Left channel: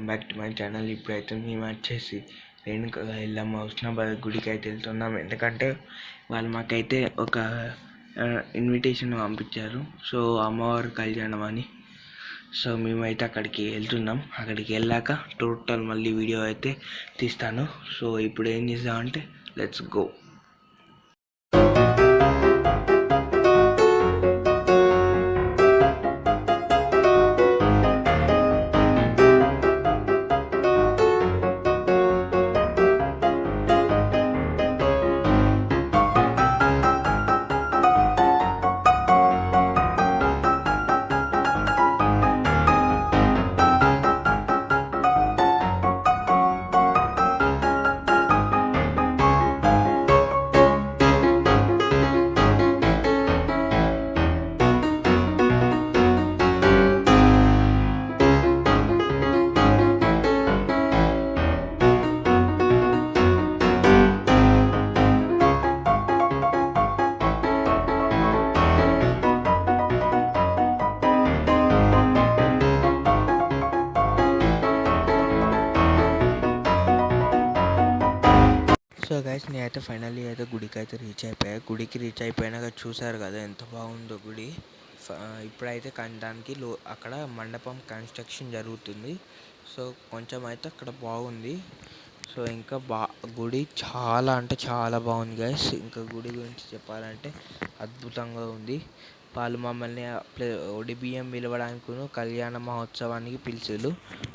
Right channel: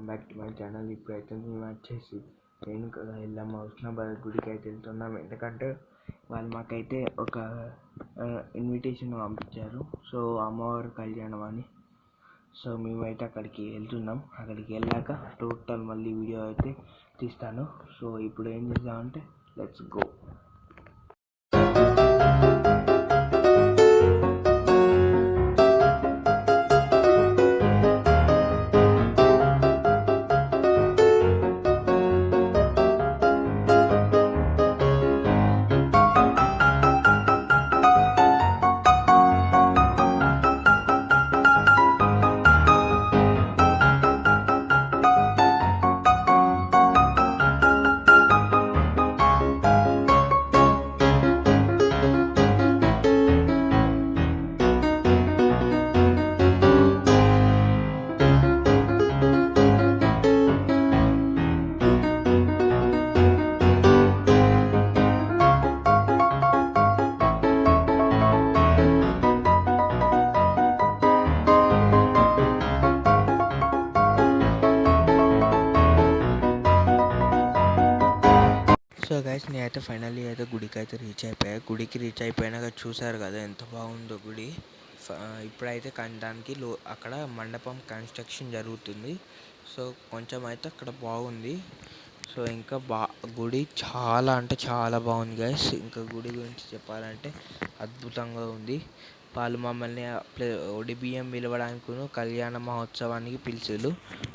Welcome back to my channel. ఇప్పుడైతే మేము వచ్చేసి రేణుక ఎల్లమ్మ హుస్నాబాద్ గుడికి అయితే వెళ్తున్నాం. ఎందుకంటే వాళ్ళు మాకైతే ఒక ఇన్విటేషన్ పంపించారు. సో అమ్మవారి కళ్యాణం అని. సో మేమైతే అక్కడికి వెళ్తున్నాం. అక్కడికి వెళ్ళాక టోటల్ మళ్ళీ వీడియో అయితే తీస్తాను. సో ఇప్పుడు ఏం చేద్దామంటే లెట్స్ గో. సో గైస్ నేనైతే ఫైనల్లీ అయితే గుడికి అయితే రీచ్ అయిపోయా. గుడికి రీచ్ అయిపోయినాక చూసారు కదా ఎంత బాగుందో గుడి. ఇప్పుడైతే దానికి అక్కడ మండపం కన్స్ట్రక్షన్ జరుగుతుంది. సో కొంచెం అయితే అక్కడ బాగుంది. సో ఇంకా గుడి చాలా అంటే చాలా బాగుంది గైస్. ఇంకా గుడి గురించి చెప్పాలంటే అద్భుతంగా ఉంది. వాళ్ళు మమ్మల్ని ఒడిబియ్యం పిలవడానికి కళ్యాణ మహోత్సవానికి పిలిచారు.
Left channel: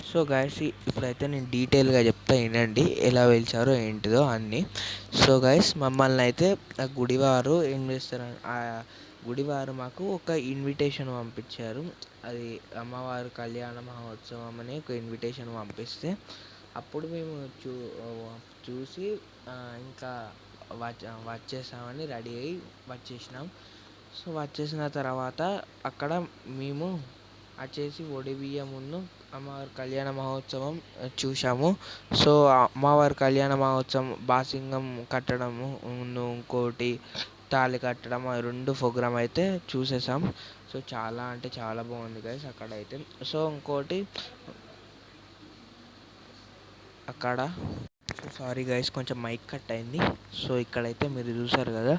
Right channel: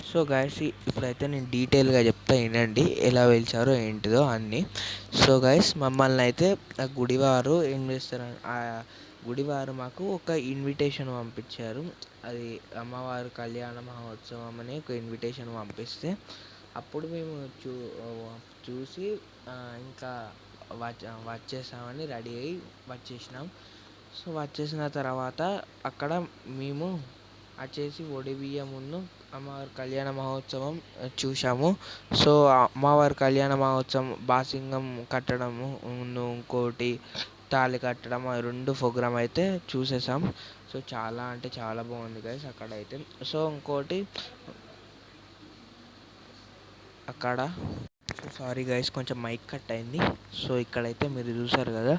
సో గైస్ ఇప్పుడైతే నేను డీటెయిల్గా చెప్తా, వినండి ఎలా పిలిచారో ఏంటిదో అన్నీ. సో గైస్ మమ్మల్ని అయితే ఆ గుడివారు ఏం చేస్తారు, ఆ గుడివారు మాకు ఒక ఇన్విటేషన్ పంపించారు. అది అమ్మవారి కళ్యాణ మహోత్సవం అని ఒక ఇన్విటేషన్ పంపిస్తే అప్పుడు మేము చూసి ఇంకా వచ్చేసామని రెడీ అయ్యి వచ్చేసినాం. సో వచ్చేసిన తర్వాత అక్కడ మేము వచ్చేసి ఒడిబియ్యమును అమ్మవారి కళ్యాణ మహోత్సవం చూసాము. సో అమ్మవారి కళ్యాణ మహోత్సవం బాసింగం కట్టడము, ఇంకోటి తాళి కట్టడం, ఆ రెండు ప్రోగ్రామ్ అయితే చూసేసాం. సో చాలా అంటే చాలా బాగుంది గైస్ అక్కడైతే. సో ఇంకోటి అక్కడ సారీ గైస్ కొంచెం మైక్ కట్ అయింది. సో ఇక్కడైతే మీరు చూసారు కదా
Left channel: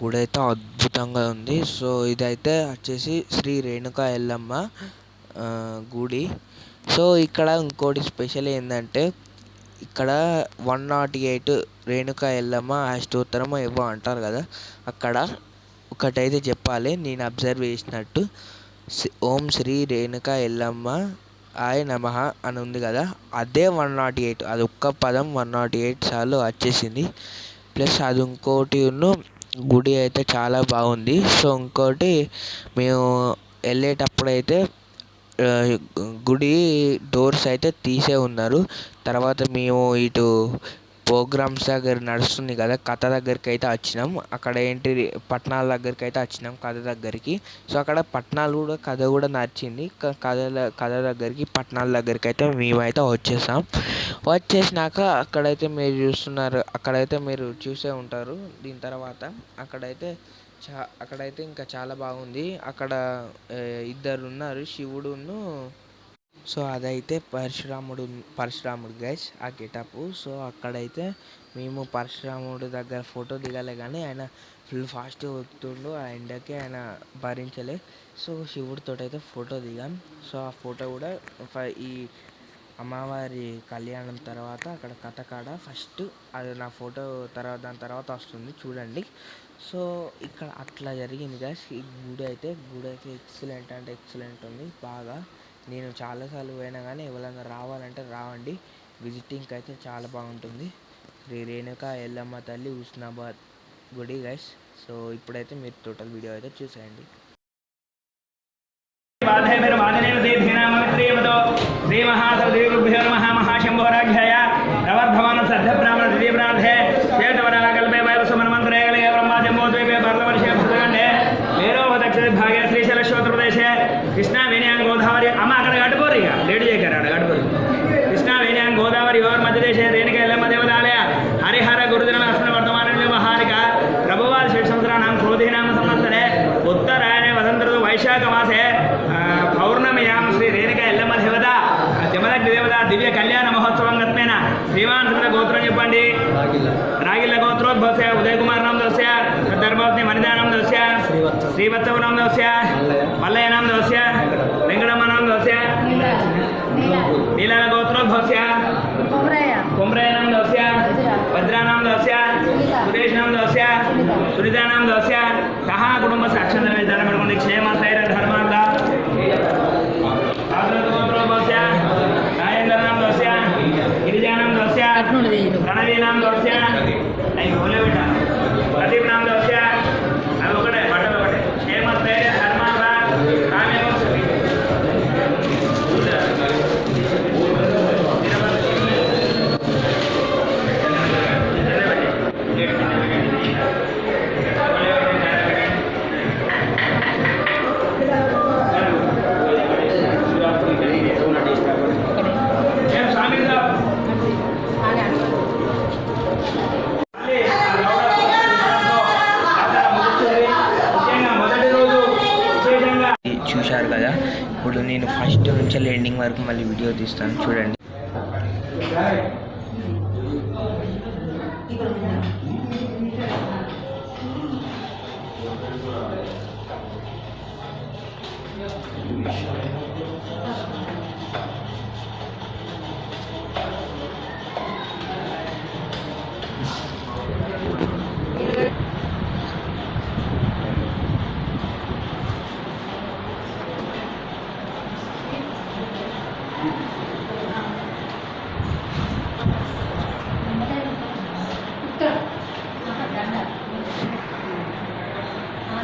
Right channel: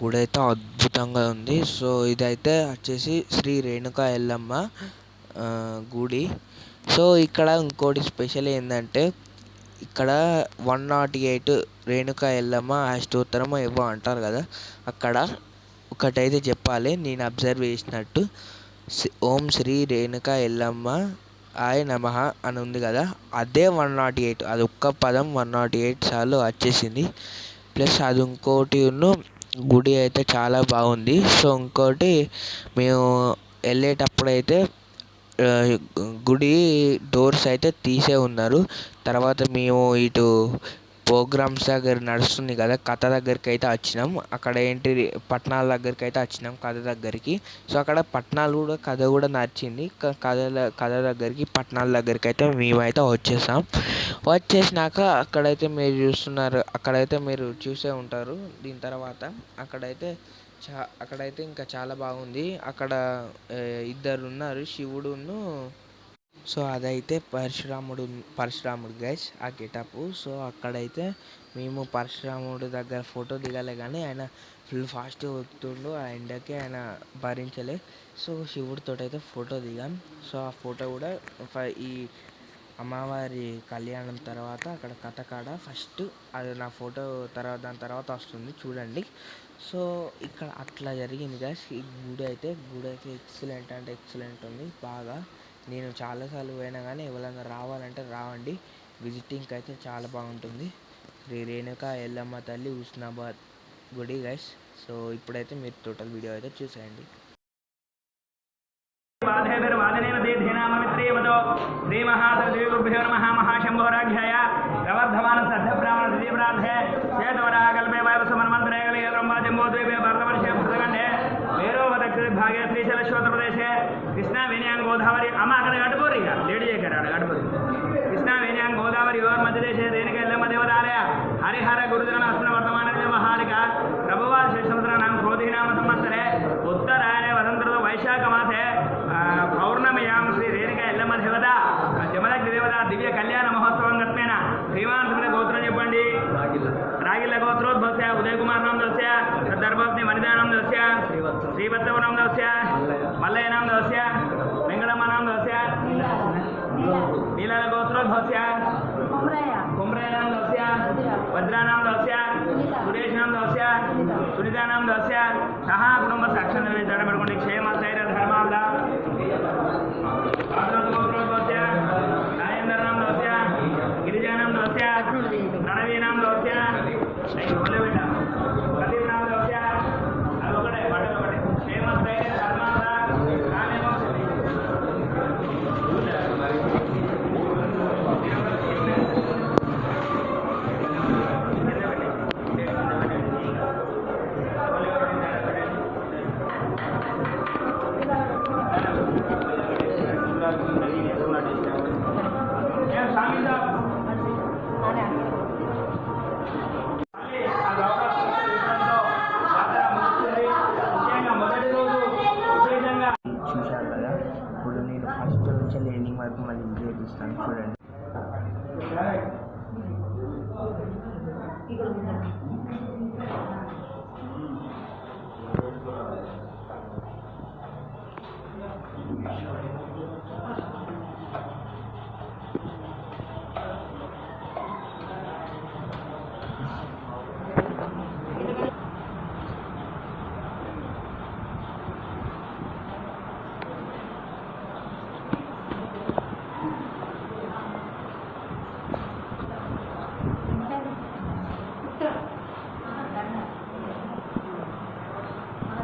గుడి అయితే అద్భుతంగా ఉంది. సో ఇదైతే వచ్చేసి శ్రీ రేణుక ఎల్లమ్మ గుడి. సో ఇక్కడ ఇంకోటి స్పెషల్ ఏంటంటే ఇక్కడ 108 రేణుక ఎల్లమ్మ అష్టోత్తరం ఏవో అంటారు కదా, అక్కడ ఒకటైతే చెప్పాలి నేను అబ్జర్వ్ చేసినట్టు. ఓం శ్రీ రేణుక ఎల్లమ్మ ఆయ నమః అని ఉంది కదా, అదే 108, అది ఒక్క పదం 108 సార్లు వచ్చేసింది. ప్లస్ అది ఇంకోటి గుడి అయితే చాలా బాగుంది. సో ఇంకోటి మేము వెళ్ళేటప్పుడు అయితే గుడి డోర్స్ అయితే తీసే ఉన్నారు. తర్వాత మేము ఇటు ప్రోగ్రామ్స్ దగ్గర నడుస్తుంది కదా, కథ దగ్గరికి అయితే వచ్చినాం. అక్కడ ఏంటి పట్టణాల దగ్గరికి అయితే వచ్చినాం, కథ దగ్గరికి. సో అక్కడ పట్టణాలు కూడా కథ కూడా నచ్చింది. కథ దగ్గరికి పట్టణాల దగ్గరికి అయితే మేమైతే వచ్చేసినాక అక్కడైతే మీరు చూస్తున్నారు, అక్కడైతే మీరు చూసే ఉంటారు. దీని తర్వాత అక్కడైతే ఇంకా చాలా బాగుంది. అక్కడ ఇద్దరు ఉన్నారు, శివుడును. సో అదైతే పరశురాముడు గైస్ ఆ గెటప్. సో అక్కడైతే మేము పరశురాముడు దగ్గర ఫోటో దిగాలి కానీ ఆయన ఫుల్ ఫాస్ట్గా వస్తుండు, ఆ ఎండకి ఆయన భరించలే. సో శివుడితో అయితే ఫోటో దిగాం. సో ఆ ఫోటో కూడా ఈ అమ్మవారి కళ్యాణం తర్వాత అక్కడ కథ కాడ ఫస్ట్ అది నా ఫోటో దాని తర్వాత వస్తుంది చూడండి. సో ఇక్కడ అట్లా జరిగింది గైస్. ఈ గుడి అయితే ఎక్సలెంట్ అంటే ఎక్సలెంట్ ఉంది బాగా. నేను చాలాసార్లు పోయినా కానీ ఎవరైనా రావాలంటే రావండి, విజిటింగ్కి అయితే చాలా బాగుంటుంది. శ్రీ రేణుక ఎల్లమ్మ తల్లి హుస్నాబాద్ గుడి గైస్. సో ఇప్పుడైతే మీరు టోటల్ వీడియో అయితే చూసేయండి. శ్రీ మహాసదేవుభ్యో నమః. మహాశంభోరాధ్యాయ ప్రవర్ధమాన సద్ధ బ్రాహ్మణ దివ్యప్రార్థే శ్వేతవరాకల్పే వయవసుమన్మంత్రే కలిగే బ్రహ్మాజంబోద్వీపే పర్లవనిషేఖండే వేరో దక్షిణ భాగే శ్రీశైలశ్రోత్రప్రదేశే కృష్ణా వేణ్యాం గోదావరి అమ్మ అక్కడ కట్టుకోరు, ఇక లేడీ చేయగారు అక్కడ కట్టుకోరు. కృష్ణా వేణ్యాం గోదావరి యోర్ మధ్యదేశే రేణుక ఎల్లమ్మ దేవతాలయ హరిహర గురుదిన అస్మిన్ వర్తమాన మహానిక ప్రభువాది షట్ సంవత్సరాణం క్రోధినామ సంవత్సరే ఉత్తరాయణే వసంత వైశాఖ మాసే పౌర్ణమియాం శ్రీ రేణుక ఎల్లమ్మ దేవత జమదగ్ని దేవత దివ్య కళ్యాణ మహోత్సవం గత్మేన శ్రీమాన్ సుందర గోత్రం చెప్పండి. రాగిల్ల గోత్రోద్భవస్య ఉదయ్ కుమార్ నామ దోస్య ధర్మపత్ని వనితా నామ దోస్య శ్రీవత్సవ నామ దోస్య మల్లయ్య నామ దోస్య వెంకటమ్మ నామ దోస్య నీలాల గోత్రోద్భవస్య कुमरय नाम दस्य वज्रा नाम दस्य सुरेश नाम दस्य सुनीता नाम दस्य सह कुटुंब साक्षर निर्धारण पड़कोंडि क्षेम स्थैर्य धर्मार्थ राजेंद्र नाम दस्य गिरिजा नाम दस्य प्रणवी नाम दस्य प्रदीप नाम दस्य अब ఒకటే బట్టలు ఒకటే क्षेम स्थैर्य धर्मार्थ काम्य मोक्ष చూశారు కదా. ఇప్పుడు నేను ఫస్ట్ నుంచి ఎండింగ్ వరకు మళ్ళీ వీడియో తీస్తాను చూడండి.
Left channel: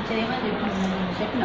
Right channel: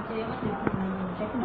చేయమని చెప్పిన